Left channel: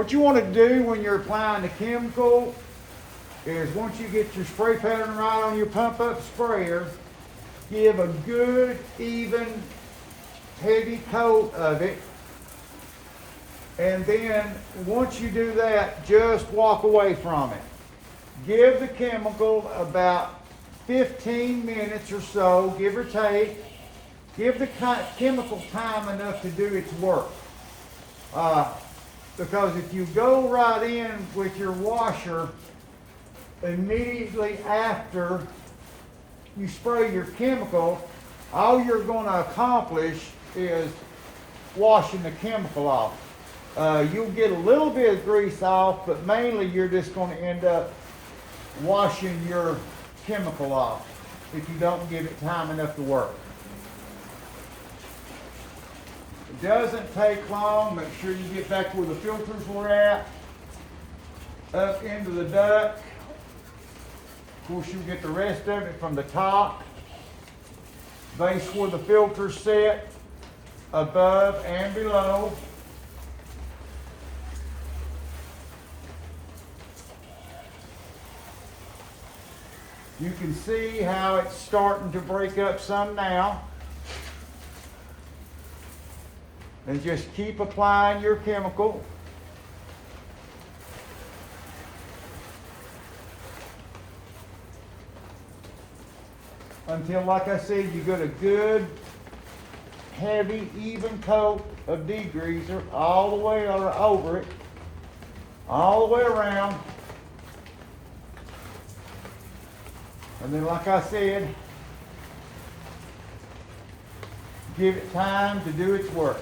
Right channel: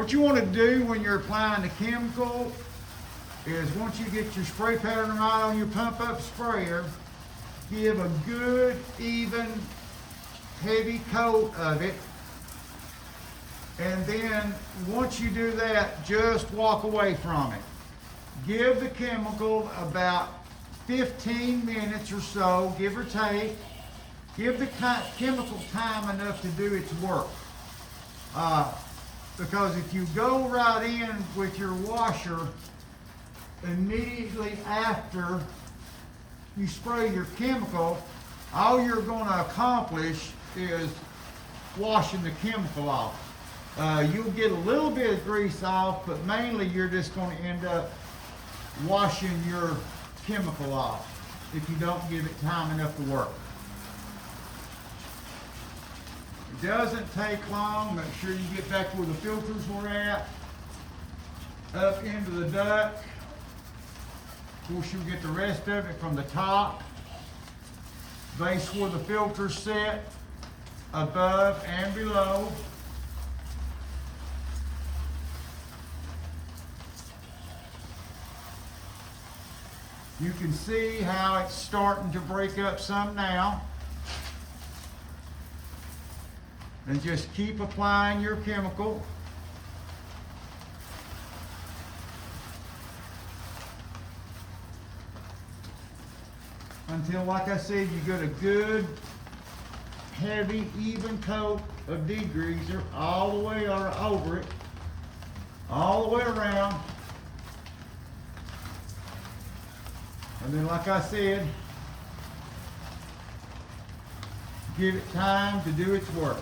What you want to do when you're applying the chemical is once you get your spray pattern right on your pump up sprayer, give a good, even, heavy coat of it. And then once you do that, just walk away from it. Give the chemical about 15 minutes or so, give or take. Give the chemical time enough to do its work. Because if you go right in with your washer immediately after you spray your chemical, all you're going to accomplish is washing the chemical off. You'll get a little bit of grease off, but mainly you're just going to end up washing your chemical off if you don't give it time enough to work. It doesn't take long. Make sure you get back where the filters were at, up into the duct. Of course, you'll get the rest of it from the top, base where the filters set, above and below. You can see how it's starting to break up some now. And just keep applying your chemical. Until, like I said, you get a good, heavy, even coat of degreaser all the way over it, all the way around. And then, like I said, give it time to do its work.